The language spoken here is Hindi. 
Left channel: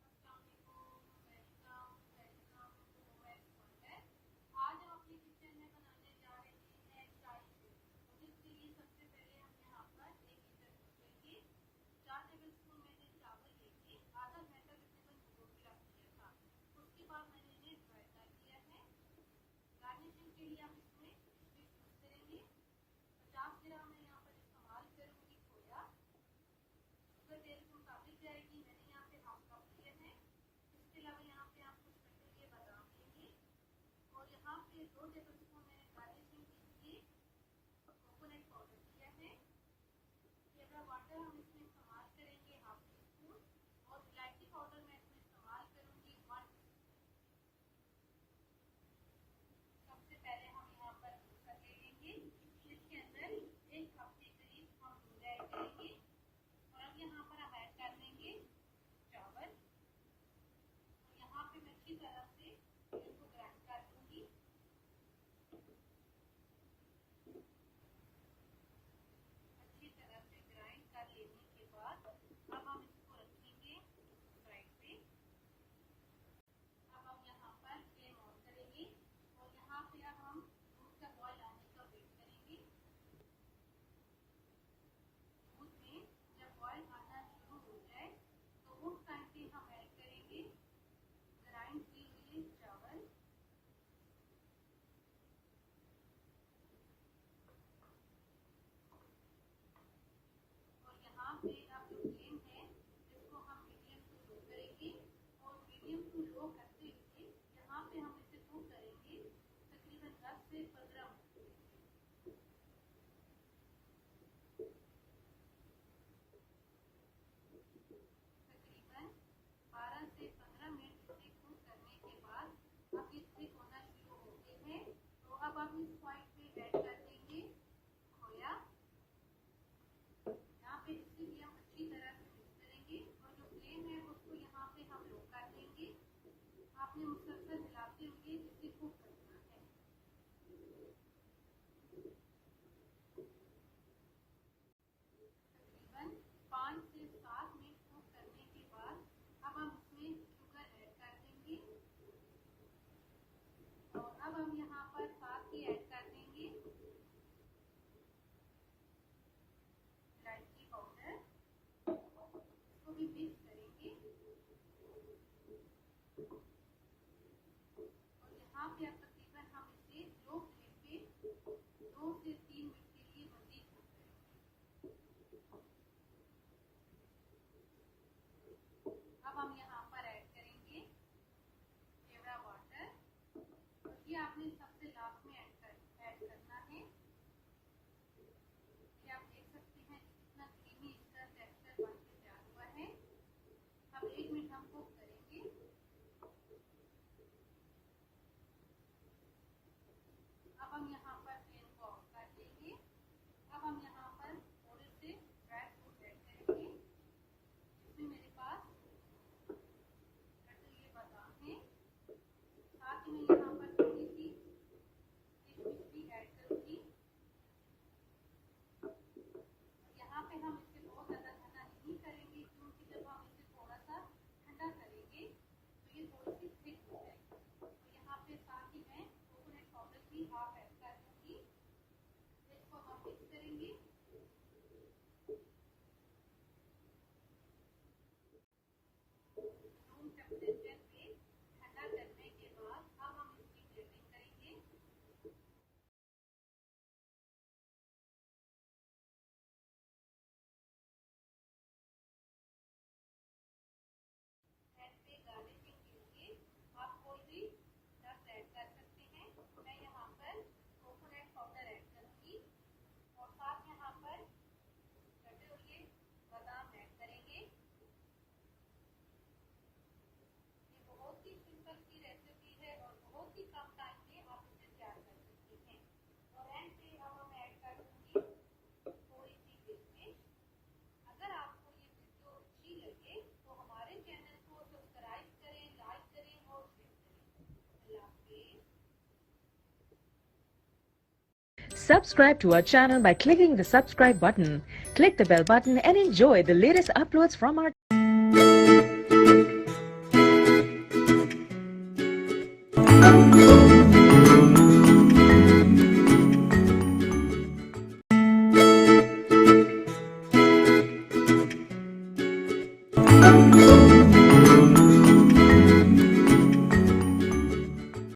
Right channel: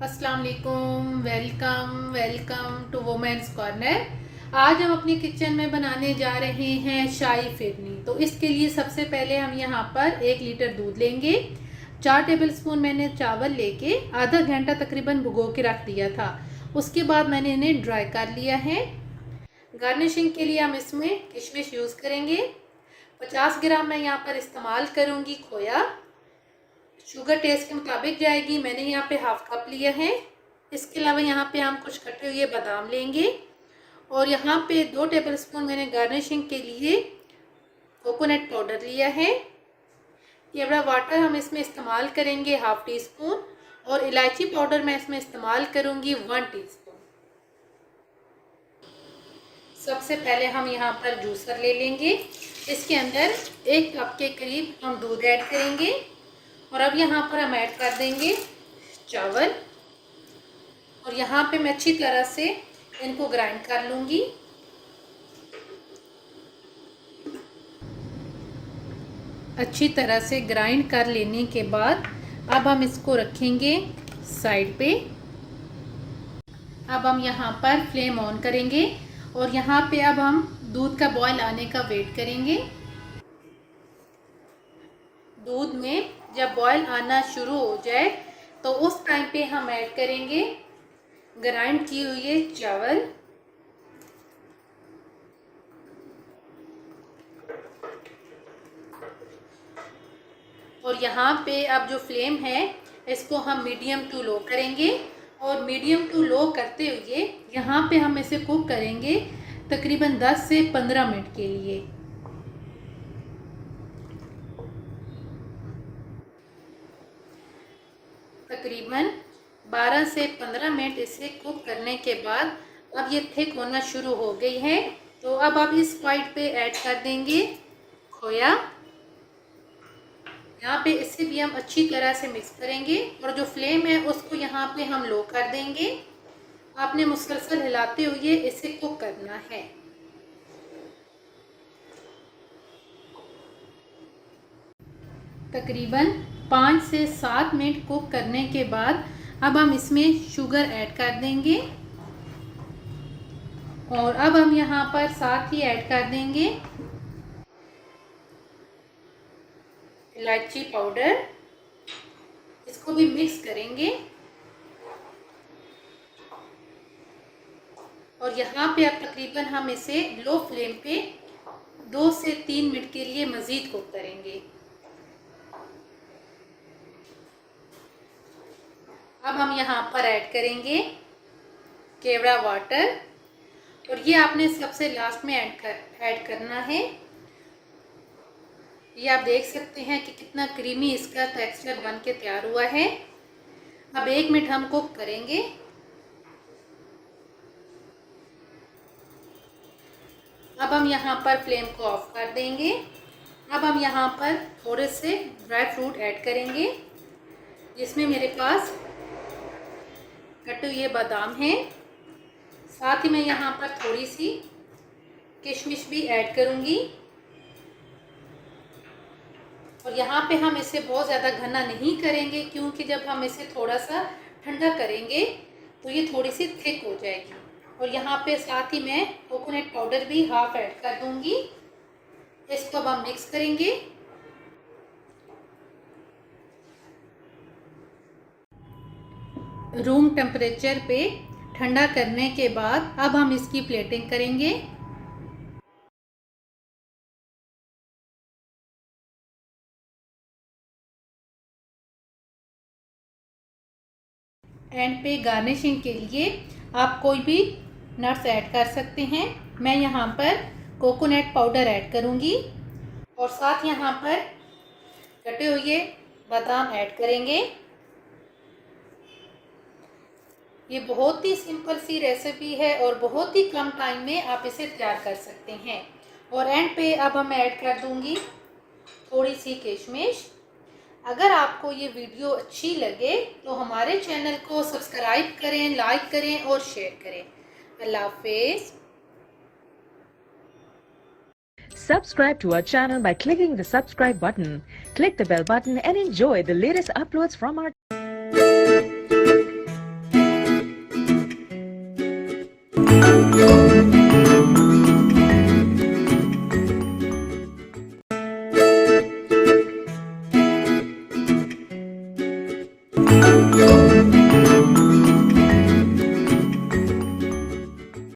अस्सलाम वालेकुम, वेलकम टू वुमेन्स कॉर्नर। आज हम अपनी किचन में बनाने जा रहे हैं शाही फिरनी। तो इसके लिए सबसे पहले हम यहाँ पर 1 लीटर दूध लेंगे। 4 टेबलस्पून मैंने चावल लेके आधा घंटा तकरीबन भिगो के रख दिया था। उसके बाद मैंने इन्हें ड्राई कर लिया है। गार्निशिंग के लिए हम इसमें किशमिश यूज़ करेंगे। 50 ग्राम मैं यहाँ पर इस्तेमाल करूँगी खोया। शुगर टेस्ट के मुताबिक जाएगी। मैंने यहाँ पे हाफ कप लिया है। इसके अलावा यहाँ पे हम कुछ कटे हुए बादाम लेंगे और यहाँ पे 2 टेबलस्पून मैंने गार्निशिंग के लिए कोकोनट पाउडर लिया है। केवड़ा वाटर हम इसमें इस्तेमाल करेंगे हाफ टी स्पून और इलायची पाउडर मैं इसमें इस्तेमाल करूँगी 1 टीस्पून। सबसे पहले हम यहाँ पर जूसर ले लेंगे। इसके अंदर 1 कप के करीब हम दूध ऐड करेंगे और अब यहाँ पर हम ऐड कर देंगे चावल और यहाँ पे मैं अच्छी तरह से इनको ग्राइंड कर लूँगी। अच्छी तरह से ग्राइंड कर लेने के बाद अब हम इसको रखेंगे साइड पे। अब हम यहाँ पर फ्लेम ऑन करेंगे और यहाँ पे अब हम दूध का बॉयल आने का वेट करेंगे। दूध में जब बॉयल आना शुरू हो जाए तो उस टाइम पे हम ऐड करेंगे ग्राइंड किए हुए चावल और यहाँ पे अब जो फ्लेम है इसको हम मीडियम टू लो करेंगे और मीडियम टू लो करते हुए यहाँ पे हम इसे कुक करेंगे तकरीबन 10 से 15 मिनट के लिए। तकरीबन 12 से 15 मिनट इसे कुक करने के बाद अब ये थिक होना शुरू हो गई है। तो अब आप इस पॉइंट पे ऐड कर देंगे खोया। यहाँ पे इसे भी हम अच्छी तरह से मिक्स करेंगे और जो फ्लेम है उसको यहाँ पे हम लो कर देंगे। आपने मुसलसल हिलाते हुए इसे कुक करना है। तकरीबन 5 से 7 मिनट कुक करने के बाद अब हम इसमें शुगर ऐड कर देंगे और अब हम यहाँ पर साथ ही ऐड कर देंगे इलायची पाउडर। इसको भी मिक्स करेंगे और यहाँ पे अब तकरीबन हम इसे लो फ्लेम पे 2 से 3 मिनट के लिए मज़ीद कुक करेंगे। अब हम यहाँ पर ऐड करेंगे केवड़ा वाटर और ये आपने सबसे लास्ट में ऐड करना है। ये आप देख सकते हैं कि कितना क्रीमी इसका टेक्सचर बन के तैयार हुआ है। अब 1 मिनट हम कुक करेंगे। अब हम यहाँ पर फ्लेम को ऑफ कर देंगे। अब हम यहाँ पर थोड़े से ड्राई फ्रूट ऐड करेंगे जिसमें मेरे पास कटे हुए बादाम हैं। साथ ही मैं यहाँ पर थोड़ी सी किशमिश भी ऐड करूँगी और यहाँ पे हम इसे बहुत ज़्यादा घना नहीं करेंगे क्योंकि जब हम इसे थोड़ा सा ठंडा करेंगे तो ये थोड़ी सी थिक हो जाएगी। और यहाँ पे साथ ही मैं कोकोनट पाउडर भी हाफ ऐड कर दूँगी। इसको अब हम मिक्स करेंगे। रूम टेम्परेचर पे ठंडा करने के बाद अब हम इसकी प्लेटिंग करेंगे। एंड पे गार्निशिंग के लिए आप कोई भी नट्स ऐड कर सकते हैं। मैं यहाँ पर कोकोनट पाउडर ऐड करूँगी और साथ यहाँ पर कटे हुए बादाम ऐड करेंगे। ये बहुत ही सिंपल सी रेसिपी है और बहुत ही कम टाइम में आप इसे तैयार कर सकते हैं। और एंड पे अब मैं ऐड कर दूँगी थोड़ी सी किशमिश। अगर आपको ये वीडियो अच्छी लगे तो हमारे चैनल को सब्सक्राइब करें, लाइक करें और शेयर करें। अल्लाह हाफिज़। Subscribe to our channel by clicking the subscribe button. Click the bell button and enjoy the latest uploads from our